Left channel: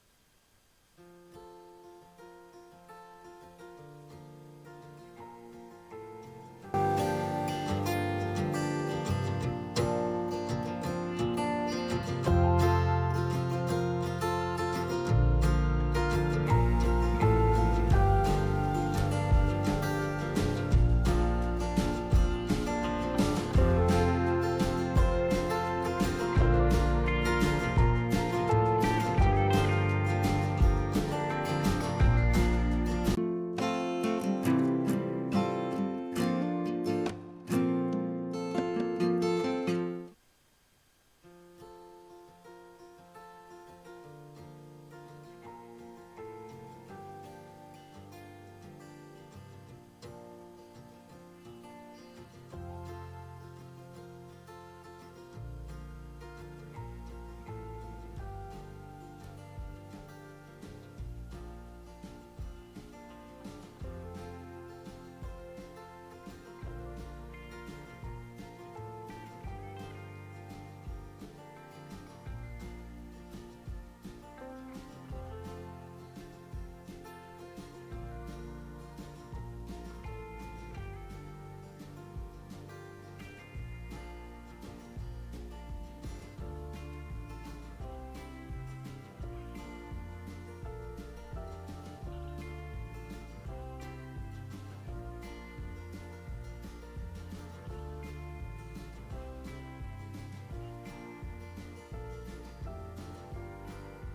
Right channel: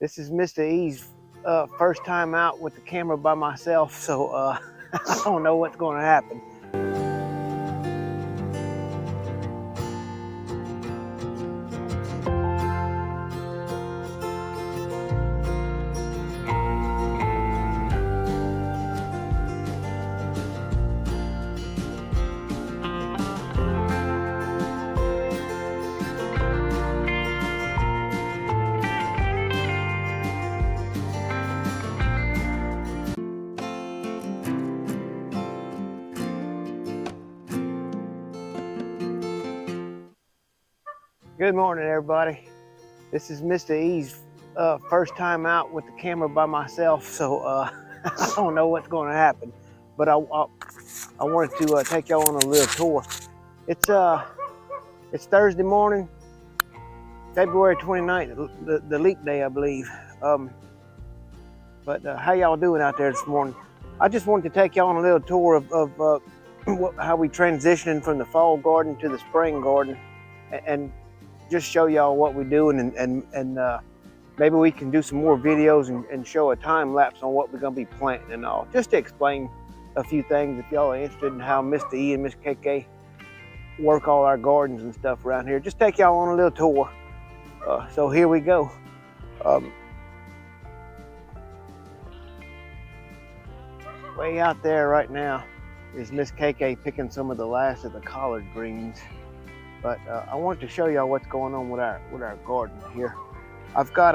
This is Mr. E's first time out with the camera by myself, so I don't know what's going to happen. Good morning, everybody. This is Mr. E's first time out with the camera by myself, so I don't know what's going to happen. But I wanted to take y'all on a little tour. It's Thursday morning, February 29th, the leap day, I believe. But how y'all doing out there this morning? I just wanted to take y'all on a little tour of how we transitioning from the fall garden to the spring garden, and just show y'all what we're doing, and maybe we can do some more videos and show a time lapse on what we're gonna be planting and all, just to explain a few things if y'all are interested in how Mr. E and Miss KK work all our gardens and stuff around here. Just take y'all on a little tour. So here we go. Way out there right now is Miss KK picking some of the last of the collard greens. But I wanted to show y'all what's going on with our garden here. I've got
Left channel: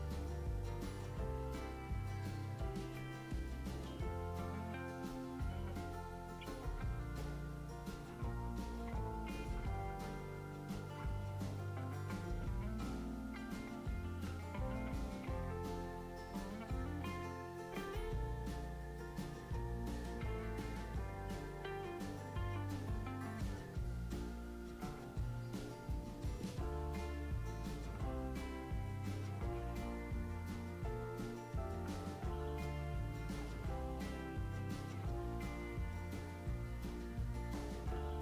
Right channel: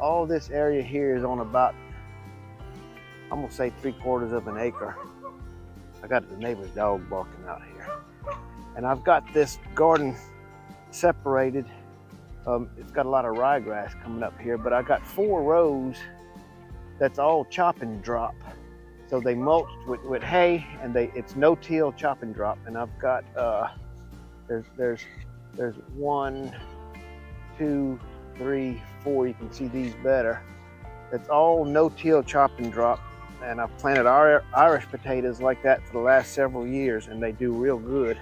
all this area here is on about, I'm gonna say 3/4 of an acre. I got the neighbor's dog barking out here. And I've got this garden separated. It's got a lot of ryegrass coming up here, but I got 4 rows that's all chop and drop. So they mulched with hay, and it's no-till chop and drop. And I've got there's 1, 2, 3, 4. You can see these better. It's all no-till chop and drop, and I've planted Irish potatoes like that for the last several years, and they do real good.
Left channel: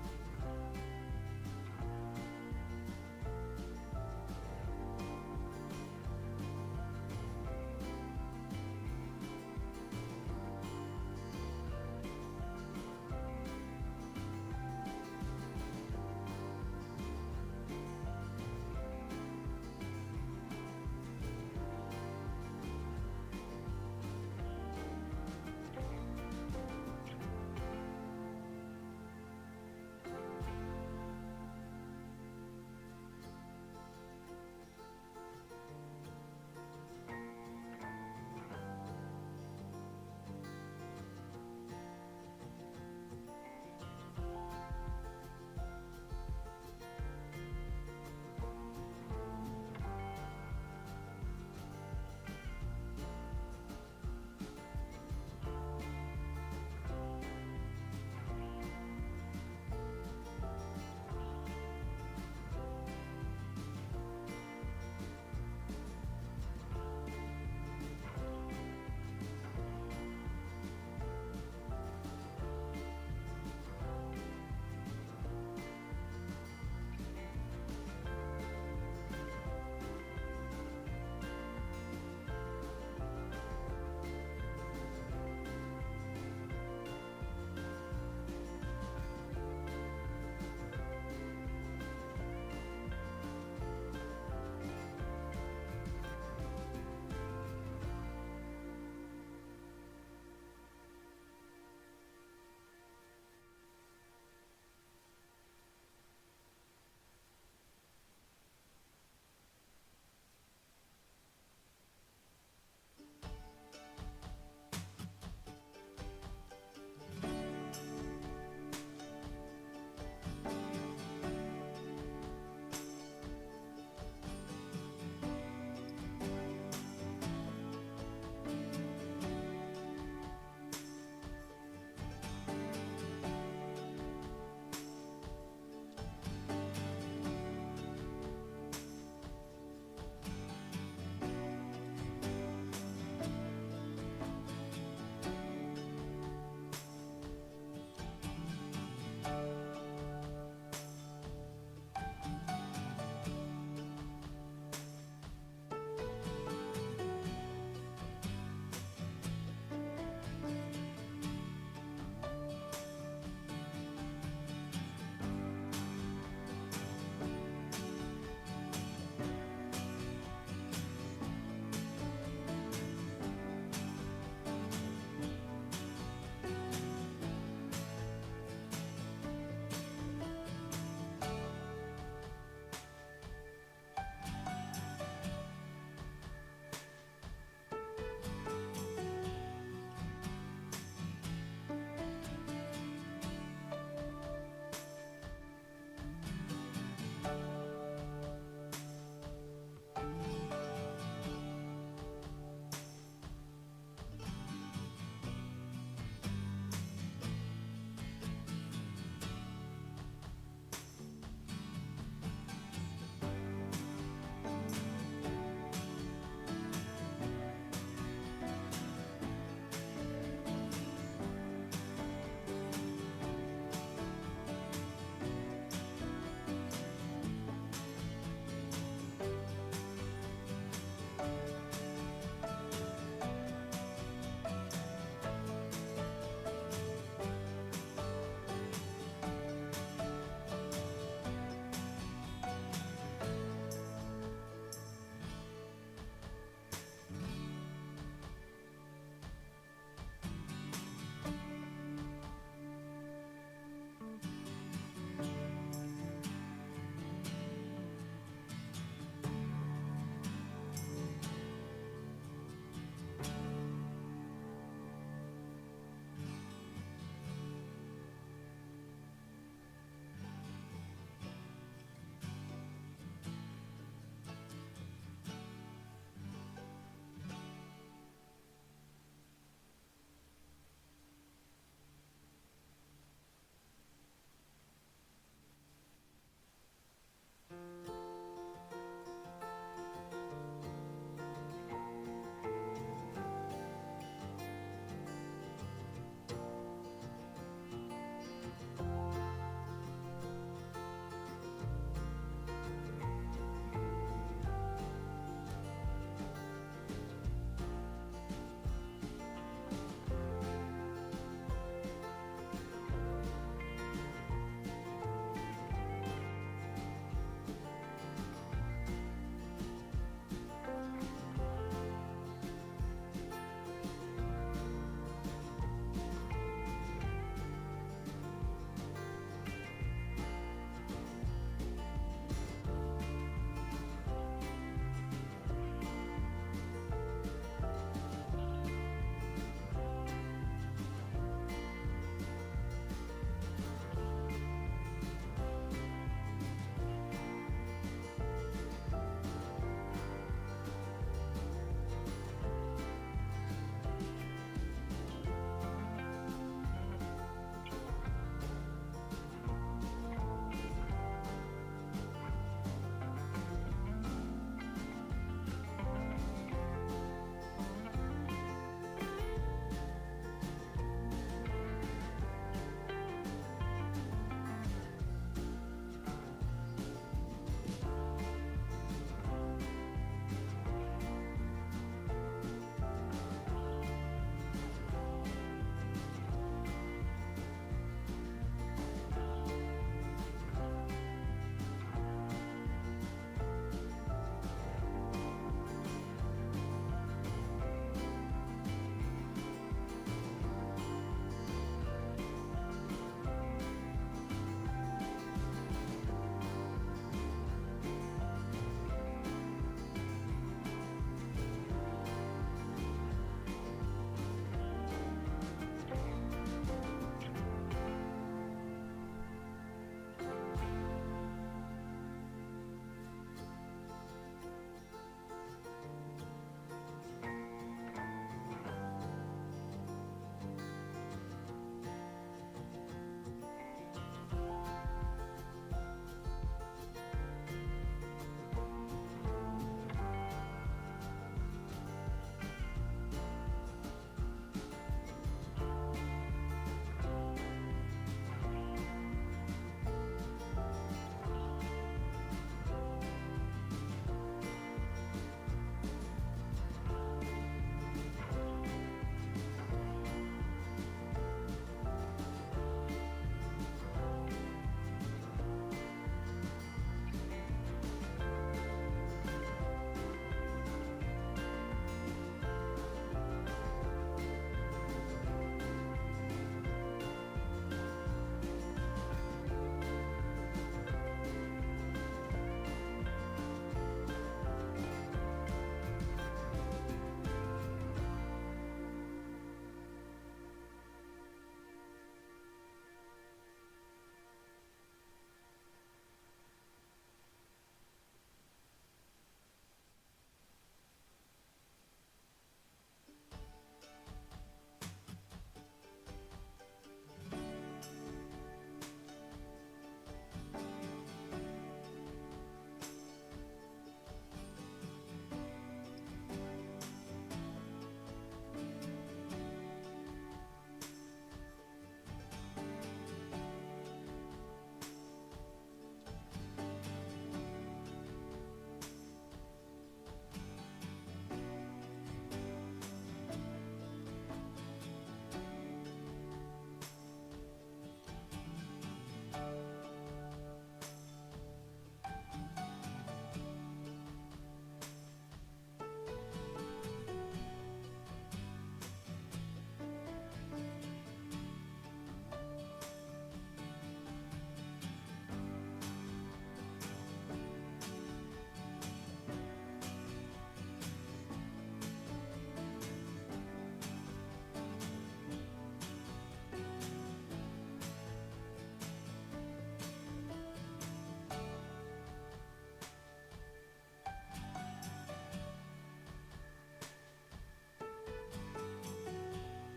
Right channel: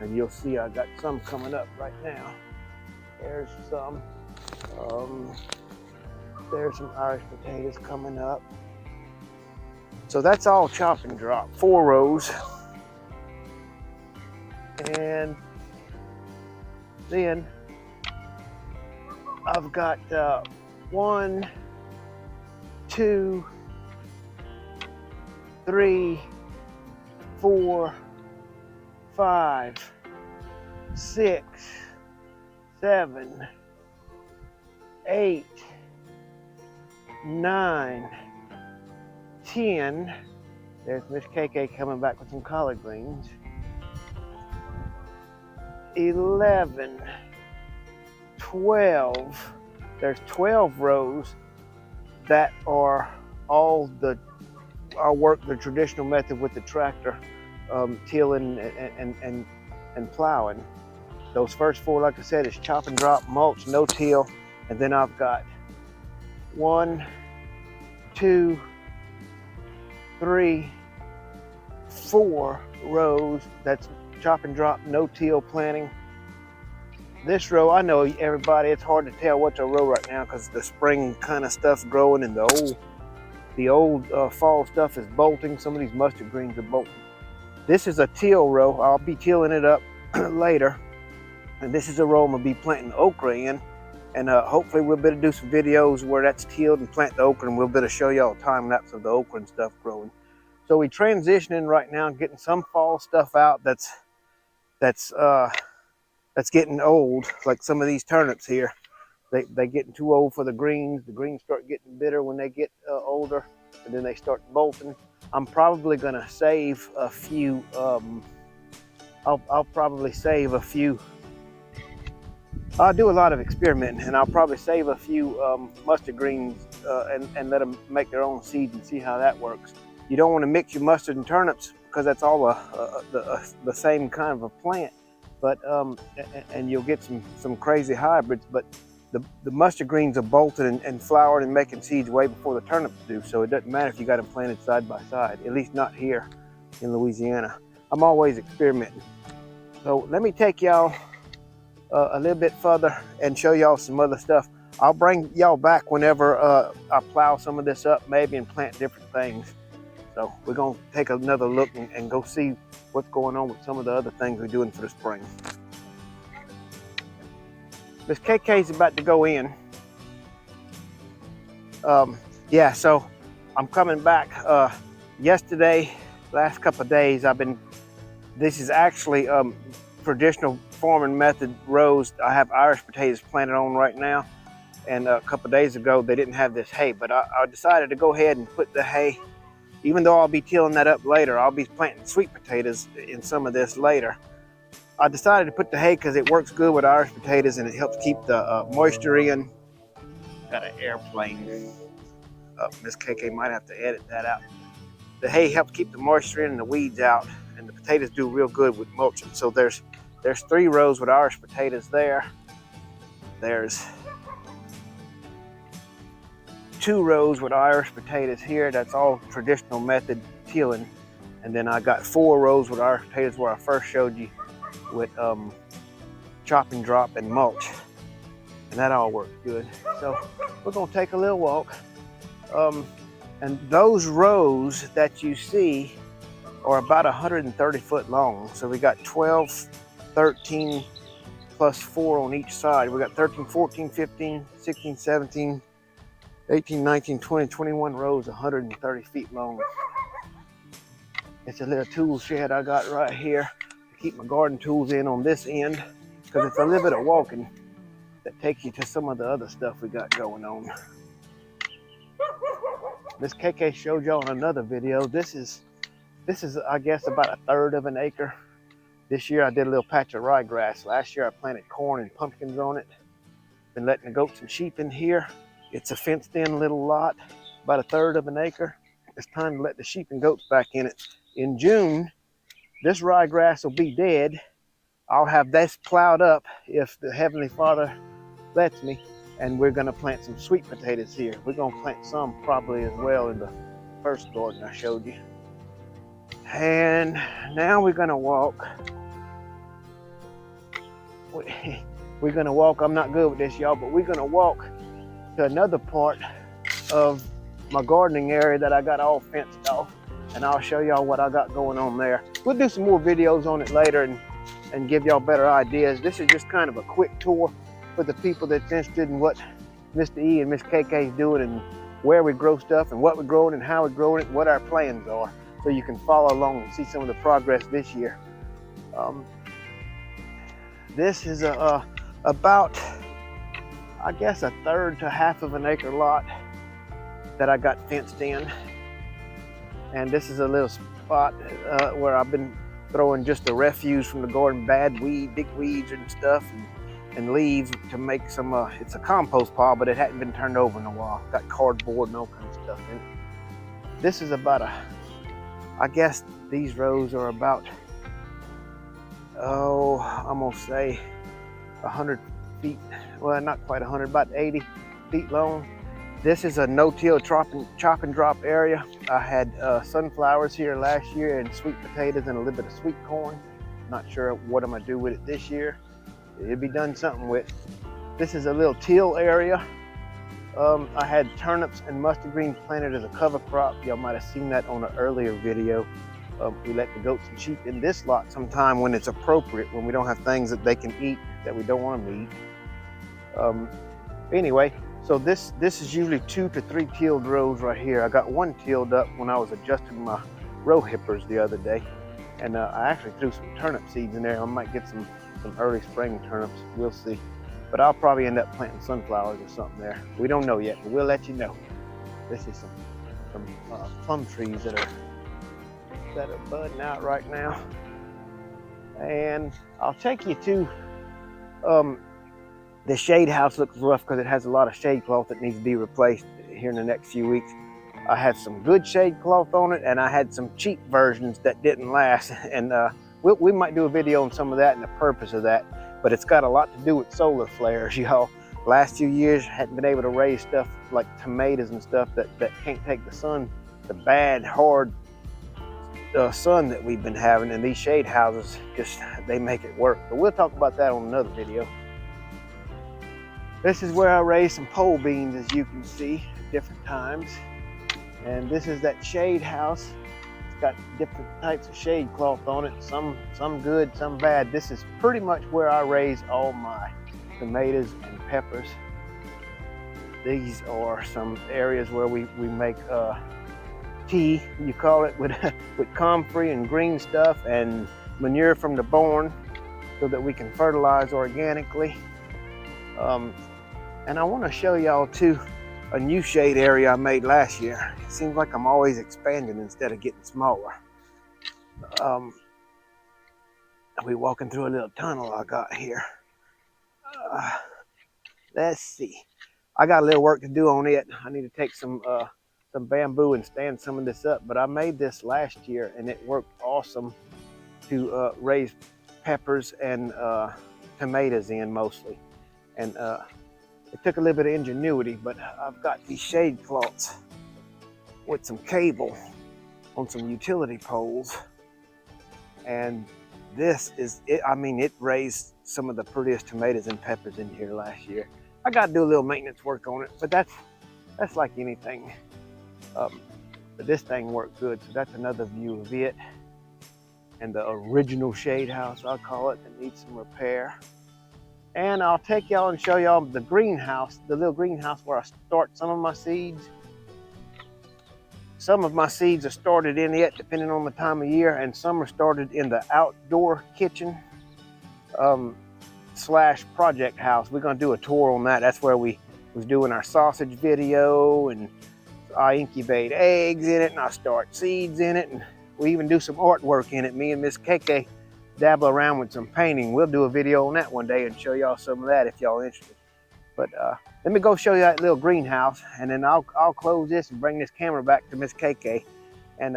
And you'll see I got some coming up right now. There's some. There's some Irish potatoes coming up. So that's all chop and drop, 4 rows. And then I've got 1, 2, 3, 4, 5, 6, 7, 8, 9, 10. There's Miss KK coming back with some collard greens. 11, 12. There's 12 rows that are all our work the traditional method with the tractor, tilling and plowing. Those first 4, like I said, is chop and drop, mulch, no till. And then I've got 1, 2, 3, 4 rows that's chop and drop, no till planting. This row, I know everybody, it's hard to tell what's a row right now because the spring kind of stuff's growing and the old fall stuff is bolting. Some of these mustard greens are bolting. This is a till row. I'll be tilling it up later. And this is a row I'm gonna be planting okra in. And hopefully we'll be able to do some videos where that's tilled and plant the okra, and we'll be able to show y'all a time lapse of the okra and stuff growing. So we're transitioning right now, getting some fall stuff out that's getting old, like some of these turnips here. They're getting too old for the greens. The greens start getting bitter when they get older, and then they start bolting. I'm probably gonna save a few. I'll probably save a few. I'll do a lot of experimenting, and I'll probably save a few mustard greens and let them make their own seeds and see how that works. You don't want to mix your mustard and turnips because that's all the same kind of a plant. But and you'll get some crazy hybrids. But the mustard greens are bolted and flowering and making seeds way before the turnips do. So it doesn't matter if you got them planted side by side. At least not here in Louisiana. I'm always experimenting. So let me take y'all a little bit further and show y'all some other stuff. I'll bring y'all back whenever I plow some of this up maybe and plant different things. So we're gonna take another look and go see what's going on with some of the other things we're doing for the spring. This KK's about to go in. Yeah, so I'm coming back. Yesterday, last couple of days, this is actually traditional farming method rows. I have Irish potatoes planted on right now. And a couple of days ago, they didn't have this hay, but I decided to go ahead and put the hay, even though I'll be tilling that up later. I'll be planting sweet potatoes in some of this later. I decided to put the hay because it works good with Irish potatoes and it helps keep the moisture in. Got an airplane. Miss KK might have to edit that out. The hay helps keep the moisture in and the weeds out, and the potatoes do real good with mulching. So there's 3 rows with Irish potatoes there. There's 2 rows with Irish potatoes here. That's all traditional method tilling. And then I got 4 rows with Irish potatoes where I first showed you with chop and drop and mulch. And that all works good. So we're gonna take a little walk. And those rows that you see are about 130 foot long. So we got 12, 13, plus 4 on each side. We got 13, 14, 15, 16, 17, 18, 19, 20, 21 rows, 130 feet long. It's a little tool shed I got right here to keep my garden tools in on this end, because it's a little bit of walking that takes you to some of the other stuff we got going on. This KK showed y'all in another video. This is I guess about 1/3 of an acre. This year I did a little patch of ryegrass. Last year I planted corn and pumpkins on it. Been letting the goats and sheep in here. It's a fenced in little lot, about 1/3 of an acre. It's time to let the sheep and goats back in it. In June, this ryegrass will be dead. I'll have this plowed up if the Heavenly Father lets me, and we're gonna plant some sweet potatoes here. We're gonna plant some probably as well in the first garden I showed you. And now we're gonna walk. We're gonna walk, I'm not good with this, y'all, but we're gonna walk to another part of my gardening area that I got all fenced off, and I'll show y'all what I got going on there. We'll do some more videos on it later and give y'all better ideas. This is just kind of a quick tour for the people that's interested in what Mr. E and Miss KK is doing and where we grow stuff and what we're growing and how we're growing it and what our plans are, so you can follow along and see some of the progress this year. This is about, I guess, 1/3 to 1/2 of an acre lot that I got fenced in. And this is a little spot where I've been throwing just the refuse from the garden, big weeds and stuff, and leaves to make some, it's a compost pile, but it hadn't been turned over in a while. Got cardboard and all kinds of stuff in it. This is about I guess these rows are about, I'm gonna say 100 feet, well, not quite 100, about 80 feet long. This is a no-till chop and drop area. I had sunflowers here last year and sweet potatoes and a little bit of sweet corn. Not sure what I'm gonna do with it this year. It'll be done something with. This is a little till area. I had turnips and mustard greens planted as a cover crop. Y'all might have seen that on an earlier video. We let the goats and sheep in this lot sometime when it's appropriate, when we don't have things that they can eat that we don't want them to eat. Anyway, so this is usually 2 to 3 tilled rows right here. I got 1 tilled up when I was adjusting my row hippers the other day. And I actually threw some turnip seeds in there. I might get some early spring turnips, we'll see. But I'll probably end up planting sunflowers or something there. We don't know yet, but we'll let you know. This is some plum trees that are budding out right now. And I'll take you to, the shade house looks rough because it has a lot of shade cloth that needs to be replaced here in the next few weeks. I had some good shade cloth on it, and I had some cheap versions that didn't last. And we might do a video on some of that and the purpose of that, but it's got a lot to do with solar flares, y'all. Last few years, I hadn't been able to raise stuff like tomatoes and stuff that can't take the sun, the bad, hard sun that we've been having, and these shade houses, just, they make it work. But we'll talk about that on another video. This is where I raise some pole beans, as you can see, at different times. And this is that shade house. It's got different types of shade cloth on it, some good, some bad. This is pretty much where I raise all my tomatoes and peppers. These are some areas where we make tea, you call it, with comfrey and green stuff and manure from the barn so that we can fertilize organically. And I want to show y'all too a new shade area I made last year. It seems like I'm always expanding instead of getting smaller. We're walking through a little tunnel I got here. Let's see. I got a little work to do on it. I need to take some bamboo and stand some of this up, but I made this last year and it worked awesome to raise peppers and tomatoes in mostly. And it took a little bit of ingenuity, but I've got these shade cloths with some cable on some utility poles. And this is it. I mean, it raised some of the prettiest tomatoes and peppers in here last year. I got to do a little maintenance work on it, but that's like anything. But this thing worked good, so that's another view of it. And the original shade house, I'll call it, that needs some repair. And I'll take y'all and show y'all the greenhouse, the little greenhouse where I start some of my seeds. Some of my seeds are started in it, depending on the time of year, and some are started in the outdoor kitchen slash project house. We're gonna do a tour on that. That's where we was doing our sausage video, and I incubate eggs in it, and I start seeds in it, and we even do some artwork in it. Me and Miss KK dabble around with some painting. We'll do a video on that one day and show y'all some of that if y'all interested. But let me go show you that little greenhouse, and then I'll close this and bring this camera back to Miss KK. And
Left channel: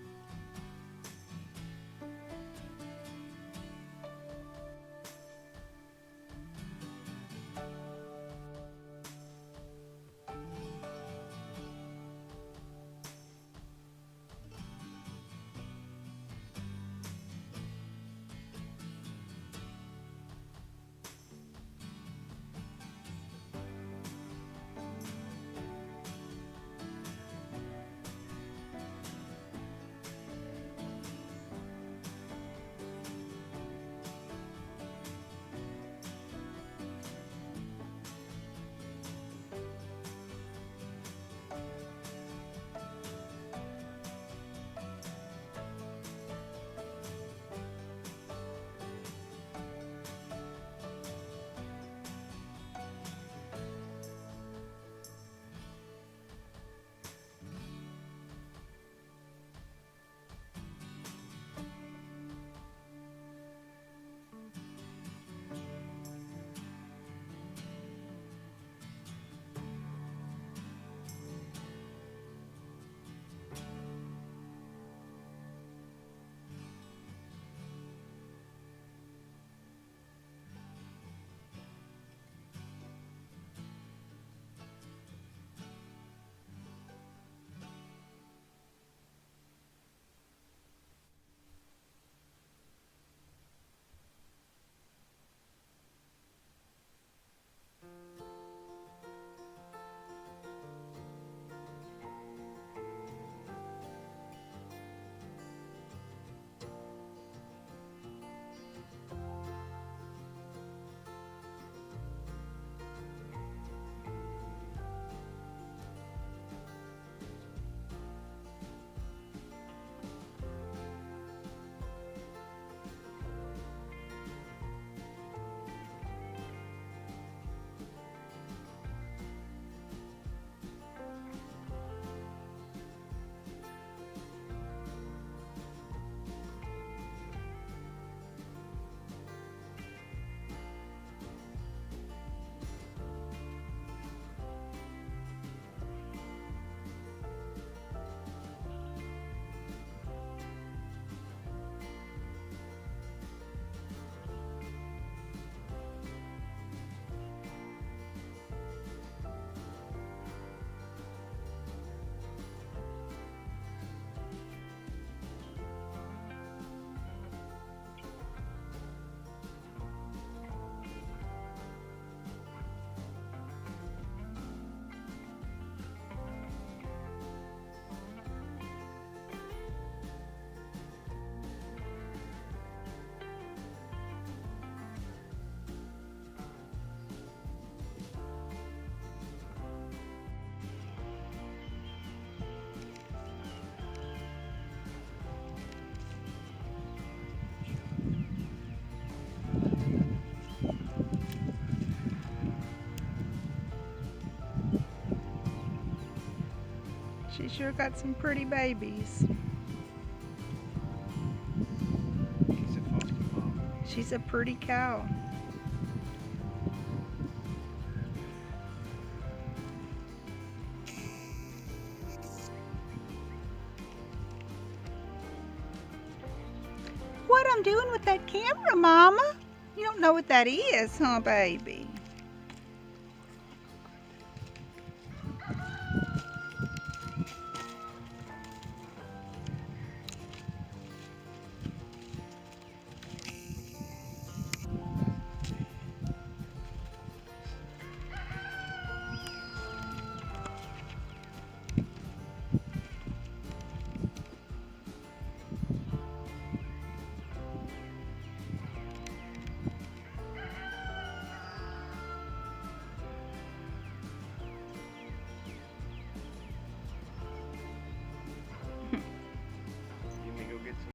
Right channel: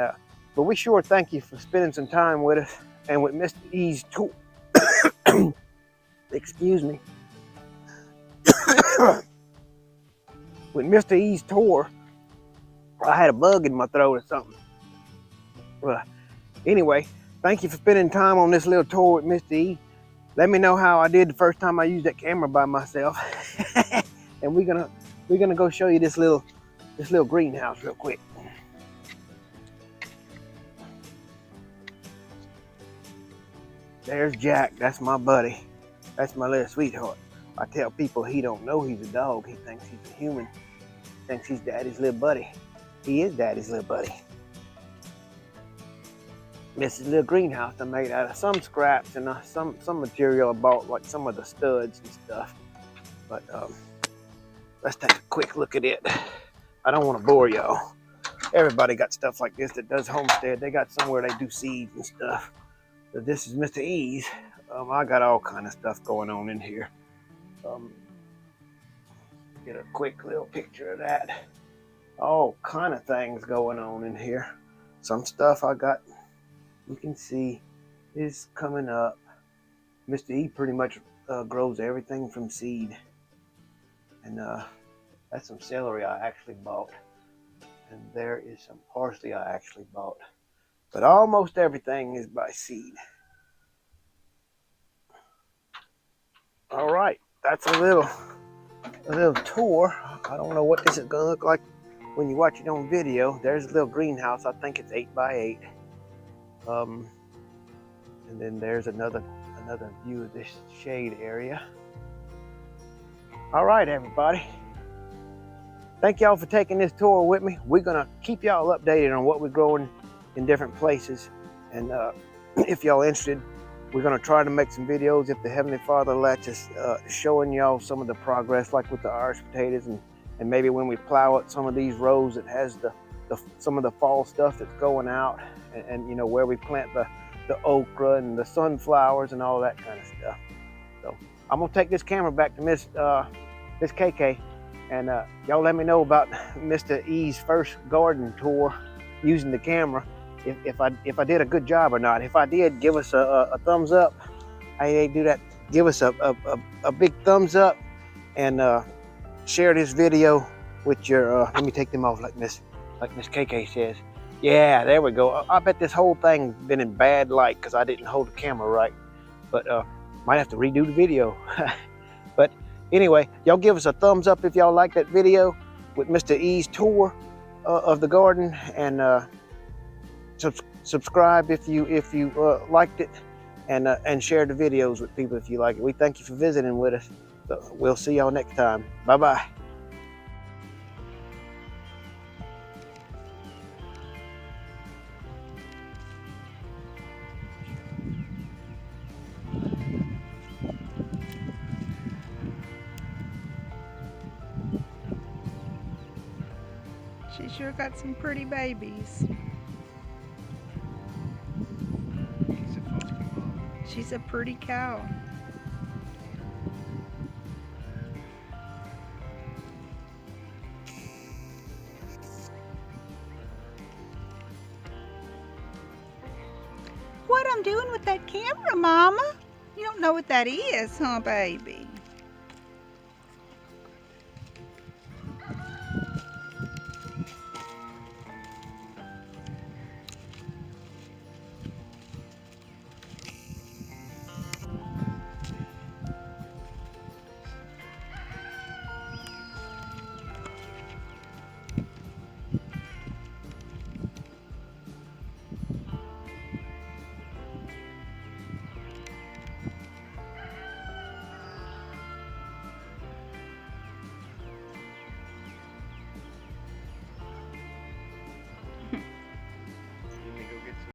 but we sure thank you for spending some time with us and with Mr. E's tour. Excuse me. With Mr. E's tour, I had a bug in my throat or something. Well, anyway, thank you for spending time on this little tour with Mr. E. Let me know how I did the first time I used that camera by myself. And we're gonna go show you this little greenhouse real quick. There's Jack. That's my buddy. That's my little sweetheart. I tell people he don't know he's a dog. He thinks he's a human. He thinks he's daddy's little buddy. He is daddy's little buddy. This is a little greenhouse I made out of some scraps and some material I bought, like some of the studs and stuff. But let's take a quick look at it. I don't want to bore y'all. Everybody got stuff like this that does homestead. They got somewhere they do seeds and stuff. So this is Mr. E's. I got all kind of stuff going on in here. Get a quick little picture of that. All kind of things going on in here. Some stuff I got, you can see, is coming up. Mr. E pretty much grows everything from seed. And that's some celery I actually bought. And there is some parsley I actually bought. But almost everything is by seed. All right, that's a little tour. I don't know what this is gonna look like when you watch it on video. There's a little greenhouse. I think it's 8 by 8. And then there's another view of this shade area. All right, everybody. Thank y'all for taking this tour with me. We're gonna keep y'all updated on what we're growing in different places. And if y'all interested, we're gonna try to make some videos if the Heavenly Father lets us, showing y'all some of the progress, like with the Irish potatoes, and maybe when we plow up some of these rows that has some of the fall stuff that's going out, and you know, where we plant the okra and the sunflowers and all that kind of stuff. So I'm gonna take this camera back to Miss KK, and y'all let me know about Mr. E's first garden tour using the camera. If I did a good job or not. If I did, give us a thumbs up. How they do that? Give us a big thumbs up, and share this video with your. Let me take them off like Miss KK says. Yeah, there we go. I bet this whole thing's been in bad light because I didn't hold the camera right. But might have to redo the video. But Anyway, y'all give us a thumbs up if y'all like that video with Mr. E's tour of the garden, and subscribe if you liked it, and share the videos with people if you like it. We thank you for visiting with us. So we'll see y'all next time. Bye-bye. She sure got some pretty babies. She's a pretty cow. What I'm doing with that camera, Mama? You don't know what that is, huh, baby?